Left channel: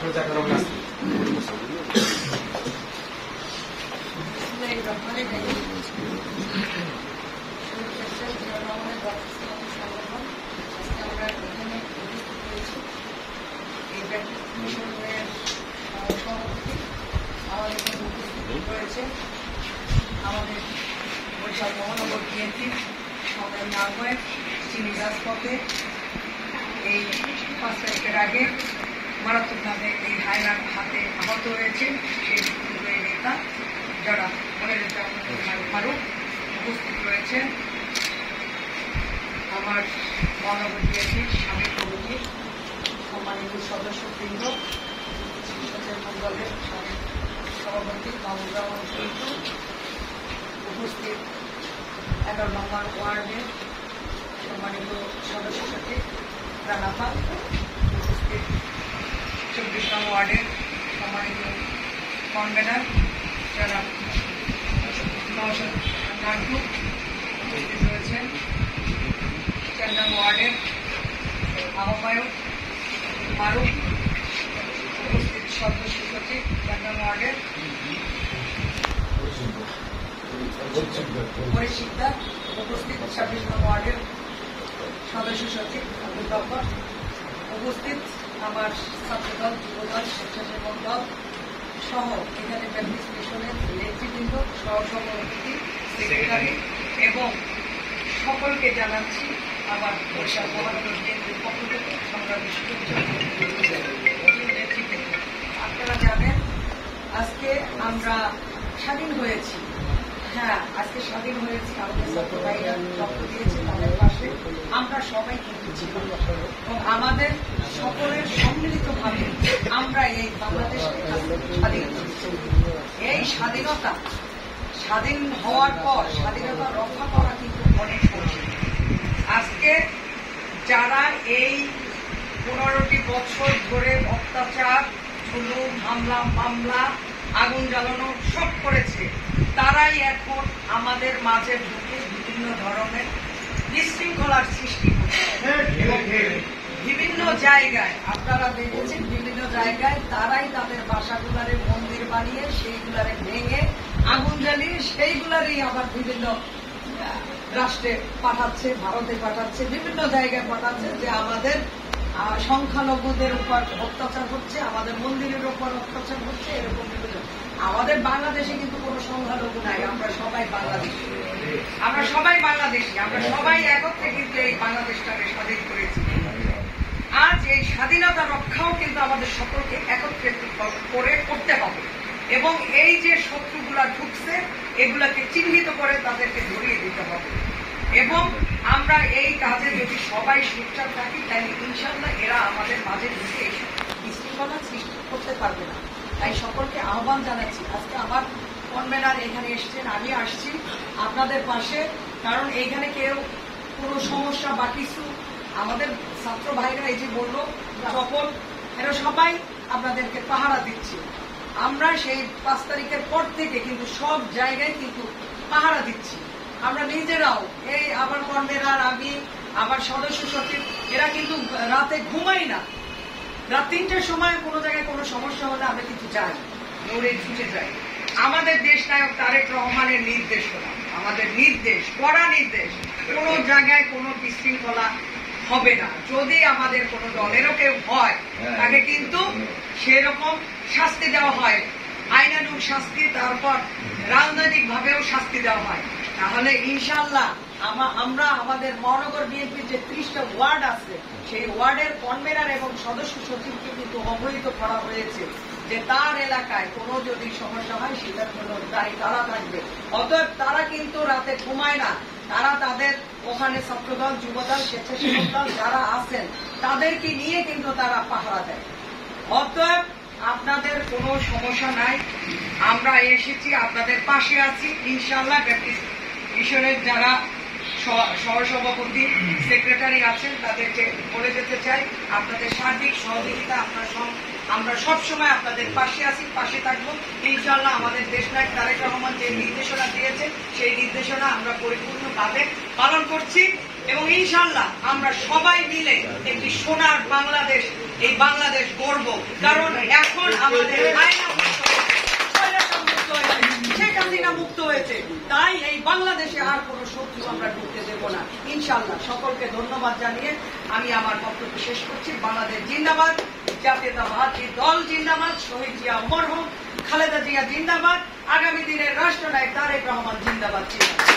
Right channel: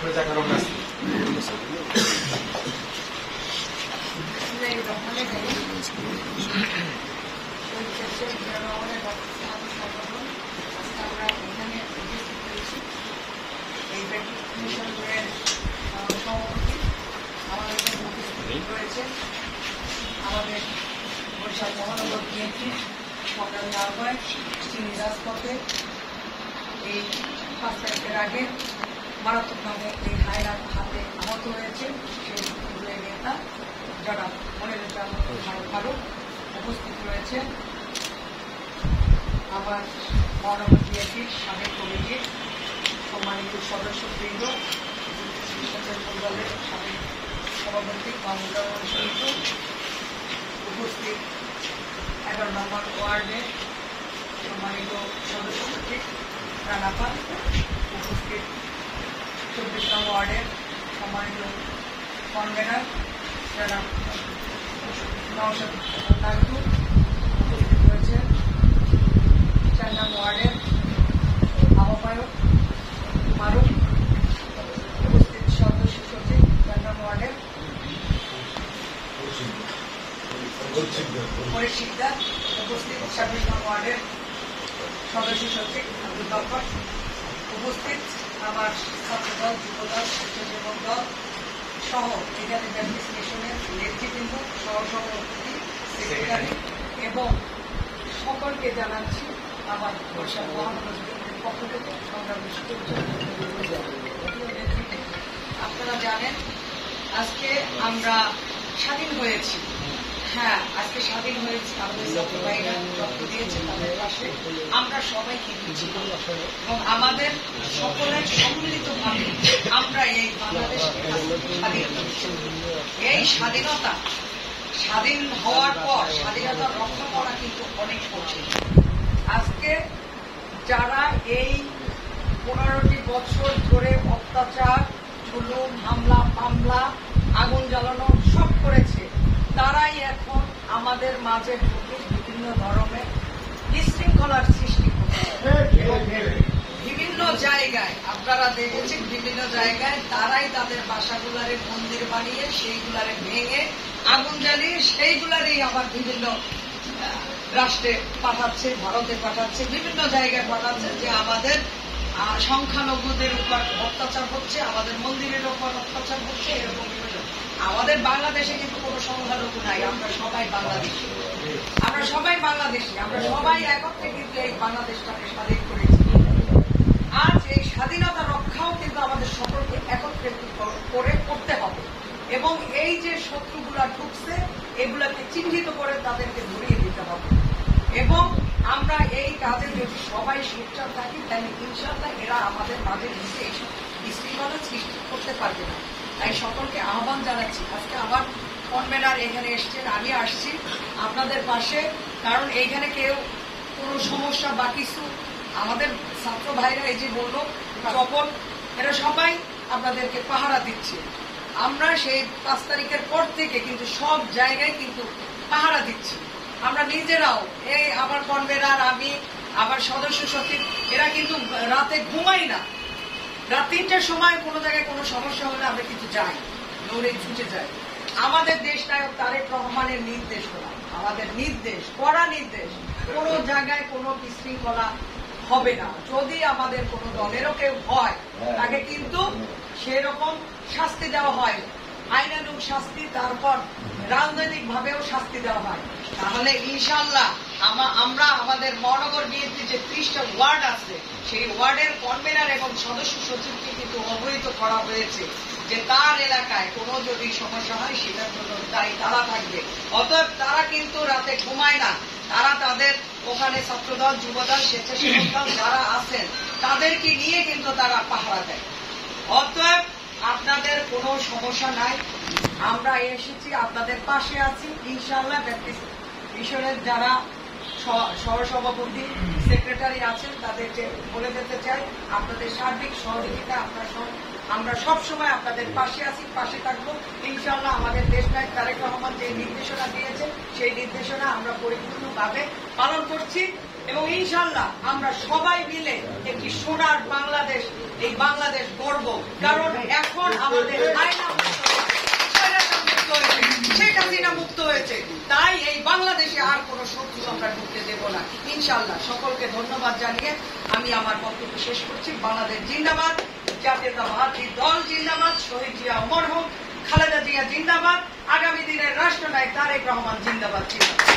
আমাদের বরিশাল মহানগর বিএনপি সংগ্রামী আহ্বায়ক তিনি রাজপথে এই 5 তারিখের আগে মারাত্মকভাবে এই হায়নার হাতে আহত হয়েছে সেই নেতা যারা মনিরুজ্জামান ফারুক উপস্থিত রয়েছেন। আমার মহানগর বিএনপির সাবেক কমিটির সম্মানিত সদস্যবৃন্দ, দলের সাবেক সভাপতি মাহমুদুর উপস্থিত 11 নম্বর ওয়ার্ডের সম্মানিত সদস্য সচিব রানাপা, উপস্থিত 24 নং ওয়ার্ডের সম্মানিত কনভেনার যারা নওশাদ নাজু, উপস্থিত রয়েছেন 4 নং ওয়ার্ডের আহ্বায়ক মারুফ, উপস্থিত সদস্য সচিব 4 নং ওয়ার্ডের পরিশিক্ষা, উপস্থিত 26 নং ওয়ার্ডের সদস্য সচিব আবুল বাকর, উপস্থিত আমার ছাত্রদল, যুবদল, স্বেচ্ছাসেবক দল সহ এখানে ব্যাপটিস্ট মিশনের নেতৃবৃন্দ, সহসভাপতি, সেক্রেটারি এবং সকলকে জানাচ্ছি আমার বরিশাল মহানগর বিএনপির পক্ষ থেকে সংগ্রামী নেতৃত্বে। আপনারা জানেন আজকে আমরা স্বাধীন হয়েছি। হ্যাঁ, আজকে স্বাধীন হয়েছে, আমাদের ছাত্র ভাইরা রক্ত দিয়েছে, তাদের পাশে আমরা সবাই কিন্তু ছিলাম এবং আমাদের সকলের সম্মিলিতভাবে আমরা এই বাংলাদেশ স্বাধীন হয়েছি। এই স্বাধীনতা স্বাধীন হওয়ার পর স্বাধীনতা রক্ষা করা কিন্তু অনেক কঠিন। আজকে যারা এই 15টি বছর ধরে অত্যাচার, জুলুম, হামলা, মামলা, আগুন জ্বালানো সব করেছে, তারাই এখন আমাদের মাঝে ঢুকে বিভিন্ন ধরনের বিশৃঙ্খলার সৃষ্টি করছে। বিভিন্ন জায়গায় আপনারা দেখেছেন, বিভিন্ন জায়গায় তারাই তাদের বাসাগুলারে মন্দির বানিয়ে সেইগুলারে ভেঙে আগুন জ্বালিয়ে সেইগুলারই আবার বিভিন্ন রাষ্ট্রে পাঠাচ্ছে, ভারতে পাঠাচ্ছে, বিভিন্ন জায়গায় পাঠাচ্ছে যে আমাদের সংখ্যালঘুদের উপর অত্যাচার হচ্ছে, আমাদের মন্দিরের উপর অত্যাচার হচ্ছে, এরকম বিভিন্ন। আমাদের বাংলাদেশে কিন্তু কোনো সংখ্যালঘু নাই, আমরা সবাই বাংলাদেশি, আমরা সবাই বাংলাদেশি, আমরা সবাই একত্রে কিন্তু এই বাংলাদেশটাকে স্বাধীন করেছি। আজ এই স্বাধীনতা রক্ষাও কিন্তু আমাদের সকলকে একত্রে করে করতে হবে এবং এই যে শত্রুগুলা ঢুকছে এগুলাকে চিহ্নিত করে তাদেরকে ধরিয়ে দিতে হবে এবং আমরা এই কাজে যদি সবাই সোচ্চার থাকি তাহলে ইনশাআল্লাহ এরা আমাদের মাঝে ঢুকে এইসব বিশৃঙ্খলা সৃষ্টি করতে পারবে না। তাই সকলকে আহ্বান জানাচ্ছি, আজকে আমার কনভেনার এখানে এসছেন, আমি আসছি আপনাদের পাশে, কারণ এইখানে কেউ কোনো সমস্যা বা কিছু আমাদের ছাত্র ভাইরা এই যে বললো চপল, এরা সবাই আপনাদেরকে পাহারা দিচ্ছে। আমরা সেই 5 তারিখের পর থেকে কিন্তু সব জায়গায় কিন্তু পাহারা দিচ্ছি। আমরা নিজেরাও, এই আমার কনভেনার, আমি, আমার সদস্য সচিব, এরা কিন্তু রাতে ঘুমাই না। রাত 3টার সময় কোনো জায়গায় কোনো সমস্যা হলে আমরা কিন্তু যাই, দৌড়ে ছুটে যাই। আমাদের দেশ নায়ক তারেক রহমানের নির্দেশ করা, আমাদের নির্দেশ, কড়া নির্দেশ, কোনো জায়গায় কোনো বিশৃঙ্খলা হবে না। যদি আমাদের কোনো দলেরও কেউ হয় তাকে কিন্তু সেরকম শাস্তি দেওয়া হয়, আইনানুগ শাস্তি, তারপর রাজনৈতিক ভাবেও শাস্তি দেওয়া হয়। তাহলে ইনশাআল্লাহ আমরা আমাদের মহানগর বিএনপির যে 30টা ওয়ার্ড আছে সেই ওয়ার্ডের কনভেনার এবং সদস্য সচিবকে কিন্তু অবহিত করা হয়েছে যে তার এলাকায় কোনো যদি সমস্যা হয় সেটার জন্য দায়ী তারা থাকবে। অতএব তারা কিন্তু রাতে ঘুমায় না, তারা তাদের ওখানে ছাত্রদল, যুবদল, স্বেচ্ছাসেবক দল যারা আছেন তাদেরকে নিয়ে কিন্তু তারা পাহারা দেয়। অতএব আপনাদের কোনো সমস্যা নাই, আমরা এসেছি, আপনাদের পাশে আছি ইনশাআল্লাহ। ব্যাপটিস্ট মিশনের যারা সহসভাপতি, সেক্রেটারি আছেন তাদেরকে বলে যেতে চাই আপনাদের সার্বিক সহযোগিতা আমরা সবসময় আপনাদের পাশে আছি, পাশে থাকবো ইনশাআল্লাহ। আমাদের দেশনায়ক তারেক রহমান যে নির্দেশনা দিয়েছেন সেই নির্দেশনা আমরা পরিপূর্ণভাবে পালন করছি এবং ইনশাআল্লাহ আমরা সবাই মিলে একটি সোনার বাংলাদেশ, এই বাংলাদেশ গড়ব। কারণ আমাদের আইনা মুক্ত হয়েছে, স্বৈরাচার মুক্ত হয়েছে, শেখ হাসিনা মুক্ত হয়েছে। তাই এই বাংলাদেশে আর কোনো শত্রু আমরা ঢুকতে দেব না ইনশাআল্লাহ। সকলকে ধন্যবাদ জানিয়ে আমি আমার বক্তব্য শেষ করছি। বাংলাদেশ জিন্দাবাদ, জাতীয়তাবাদী দল জিন্দাবাদ, শহীদ জিয়া অমর হোক, খালেদা জিয়া জিন্দাবাদ, আগামী দিনের রাষ্ট্রনায়ক তারেক রহমান জিন্দাবাদ।